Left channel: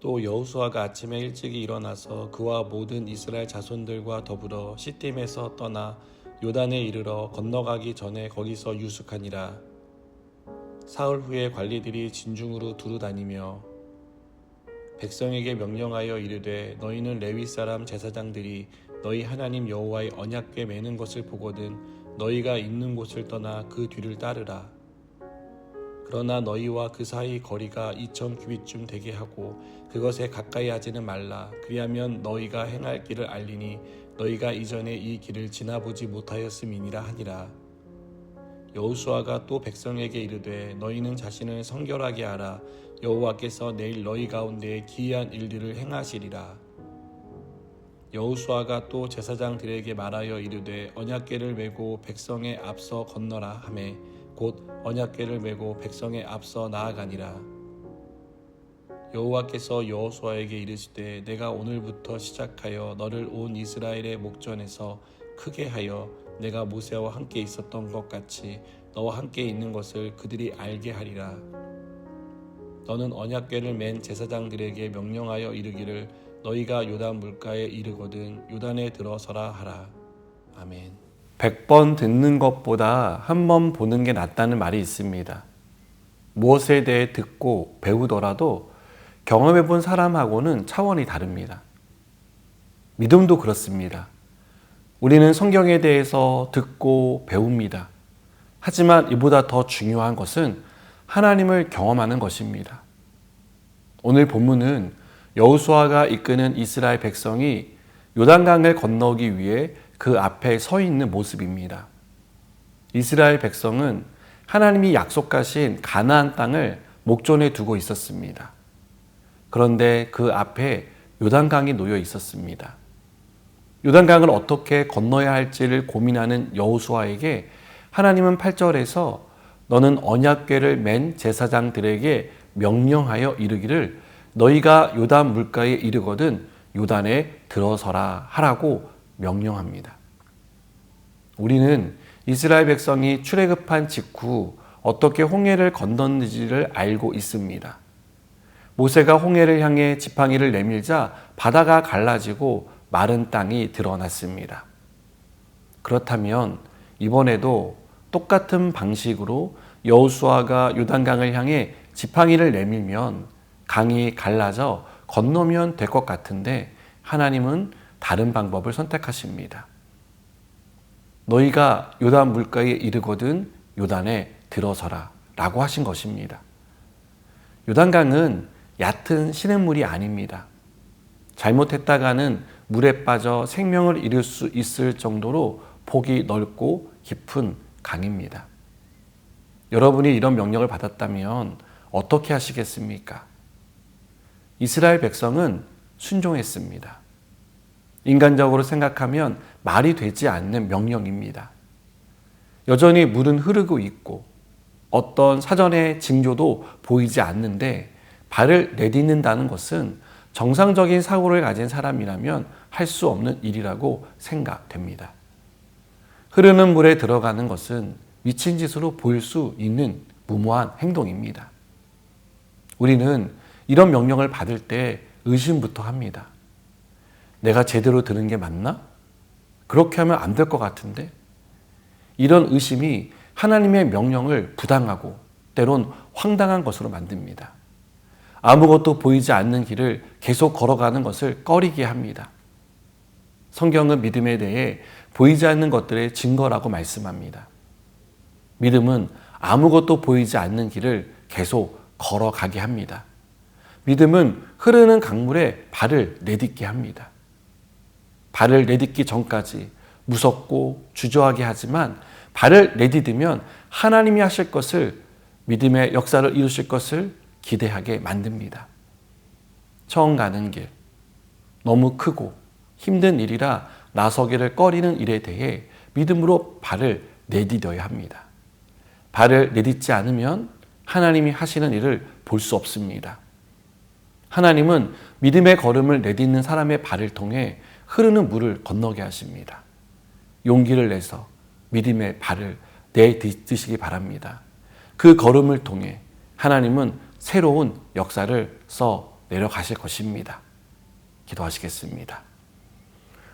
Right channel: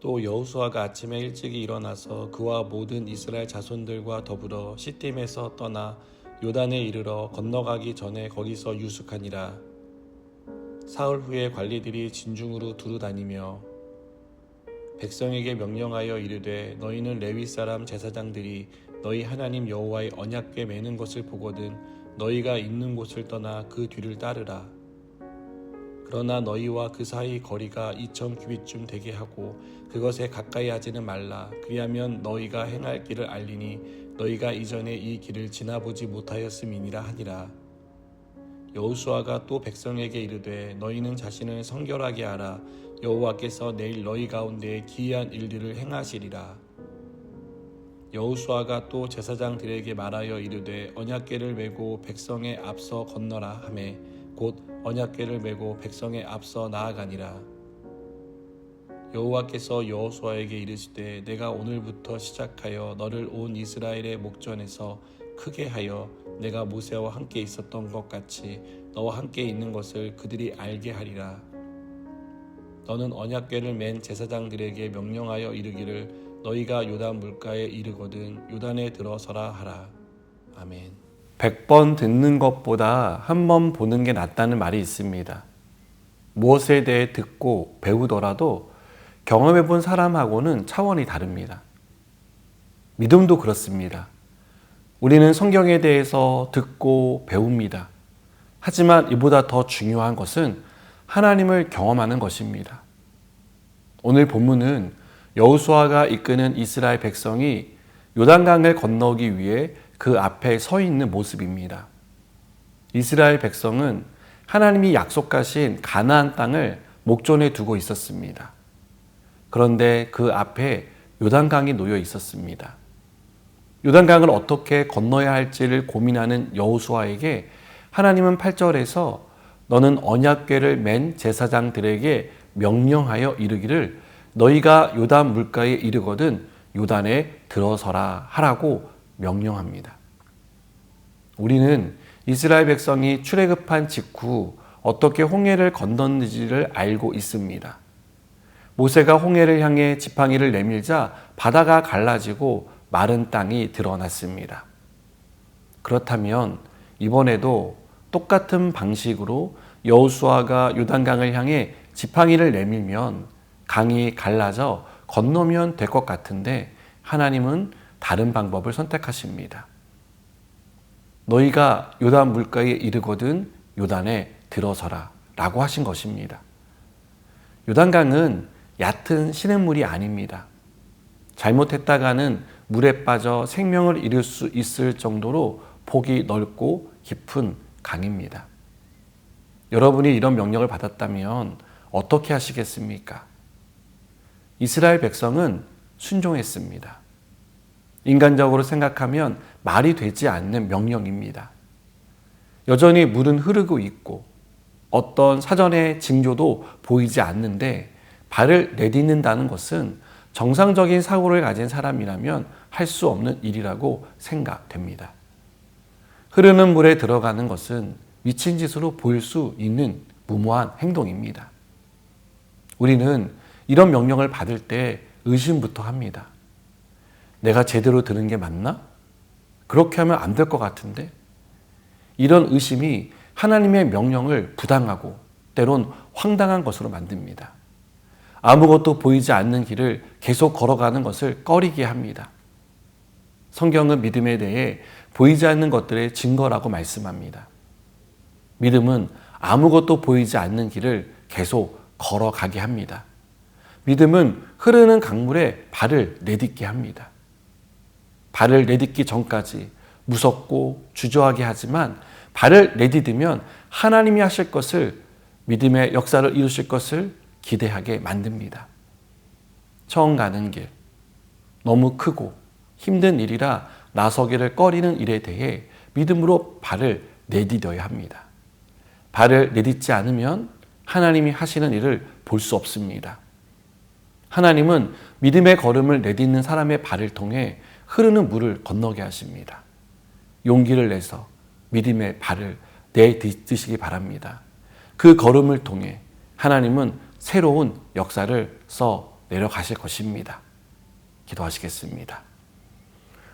또 여호수아가 아침에 일찍이 일어나서 그와 모든 이스라엘 자손들과 더불어 시딤에서 떠나 요단에 이르러 건너가기 전에 거기서 유숙하니라. 사흘 후에 관리들이 진중으로 두루 다니며 백성에게 명령하여 이르되 너희는 레위 사람 제사장들이 너희 하나님 여호와의 언약궤 매는 것을 보거든 너희가 있는 곳을 떠나 그 뒤를 따르라. 그러나 너희와 그 사이 거리가 2000규빗쯤 되게 하고 그것에 가까이 하지는 말라. 그리하면 너희가 행할 길을 알리니 너희가 이전에 이 길을 지나보지 못하였음이니라 하니라. 여호수아가 또 백성에게 이르되 너희는 자신을 성결하게 하라. 여호와께서 내일 너희 가운데 기이한 일들을 행하시리라. 여호수아가 또 제사장들에게 말하여 이르되 언약궤를 메고 백성의 앞서 건너라 하매 곧 언약궤를 메고 백성의 앞서 나아가니라. 여호와께서 여호수아에게 이르시되 내가 오늘부터 시작하여 너를 온 이스라엘의 목전에서 크게 하여 내가 모세와 함께 있었던 것 같이 너와 함께 있는 것을 그들이 알게 하리라. 너는 언약궤를 맨 제사장들에게 명령하여 이르기를 너희가 요단 물가에 이르거든 요단에 들어서라 하라. 아멘. 100번 듣는 것보다 한 번 보는 게 낫다는 말이 있습니다. 무엇에 대해 듣고 배우더라도 경험해 본 사람하고는 차원이 다릅니다. 믿음도 그렇습니다. 우리는 성경에 대해서 듣고 배웁니다. 하지만 이보다 더 중요한 것은 하나님을 경험하는 것입니다. 오늘 본문은 여호수아가 이끄는 이스라엘 백성이 요단강을 건너기 위해 그 앞에 서 있는 모습입니다. 이스라엘 백성은 하나님이 약속하신 가나안 땅을 목전에 두고 있었습니다. 그런데 그 앞에 요단강이 놓여 있었습니다. 요단강을 어떻게 건너야 할지를 고민하는 여호수아에게 하나님은 8절에서 너는 언약궤를 맨 제사장들에게 명령하여 이르기를 너희가 요단 물가에 이르거든 요단에 들어서라 하라고 명령합니다. 우리는 이스라엘 백성이 출애굽한 직후 어떻게 홍해를 건넜는지를 알고 있습니다. 모세가 홍해를 향해 지팡이를 내밀자 바다가 갈라지고 마른 땅이 드러났습니다. 그렇다면 이번에도 똑같은 방식으로 여호수아가 요단강을 향해 지팡이를 내밀면 강이 갈라져 건너면 될 것 같은데 하나님은 다른 방법을 선택하십니다. 너희가 요단 물가에 이르거든 요단에 들어서라 라고 하신 것입니다. 요단강은 얕은 시냇물이 아닙니다. 잘못했다가는 물에 빠져 생명을 잃을 수 있을 정도로 폭이 넓고 깊은 강입니다. 여러분이 이런 명령을 받았다면 어떻게 하시겠습니까? 이스라엘 백성은 순종했습니다. 인간적으로 생각하면 말이 되지 않는 명령입니다. 여전히 물은 흐르고 있고 어떤 사전의 징조도 보이지 않는데 발을 내딛는다는 것은 정상적인 사고를 가진 사람이라면 할 수 없는 일이라고 생각됩니다. 흐르는 물에 들어가는 것은 미친 짓으로 보일 수 있는 무모한 행동입니다. 우리는 이런 명령을 받을 때 의심부터 합니다. 내가 제대로 들은 게 맞나? 그렇게 하면 안 될 것 같은데? 이런 의심이 하나님의 명령을 부당하고 때론 황당한 것으로 만듭니다. 아무것도 보이지 않는 길을 계속 걸어가는 것을 꺼리게 합니다. 성경은 믿음에 대해 보이지 않는 것들의 증거라고 말씀합니다. 믿음은 아무것도 보이지 않는 길을 계속 걸어가게 합니다. 믿음은 흐르는 강물에 발을 내딛게 합니다. 발을 내딛기 전까지 무섭고 주저하게 하지만 발을 내딛으면 하나님이 하실 것을, 믿음의 역사를 이루실 것을 기대하게 만듭니다. 처음 가는 길, 너무 크고 힘든 일이라 나서기를 꺼리는 일에 대해 믿음으로 발을 내디뎌야 합니다. 발을 내딛지 않으면 하나님이 하시는 일을 볼 수 없습니다. 하나님은 믿음의 걸음을 내딛는 사람의 발을 통해 흐르는 물을 건너게 하십니다. 용기를 내서 믿음의 발을 내딛으시기 바랍니다. 그 걸음을 통해 하나님은 새로운 역사를 써 내려가실 것입니다. 기도하시겠습니다.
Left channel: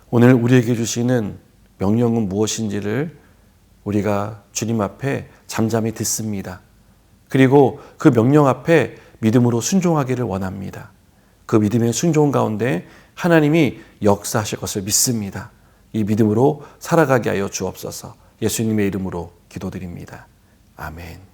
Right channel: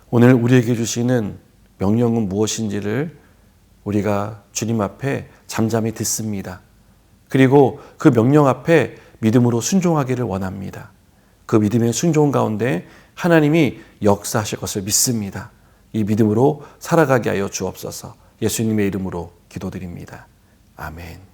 오늘 우리에게 주시는 명령은 무엇인지를 우리가 주님 앞에 잠잠히 듣습니다. 그리고 그 명령 앞에 믿음으로 순종하기를 원합니다. 그 믿음의 순종 가운데 하나님이 역사하실 것을 믿습니다. 이 믿음으로 살아가게 하여 주옵소서. 예수님의 이름으로 기도드립니다. 아멘.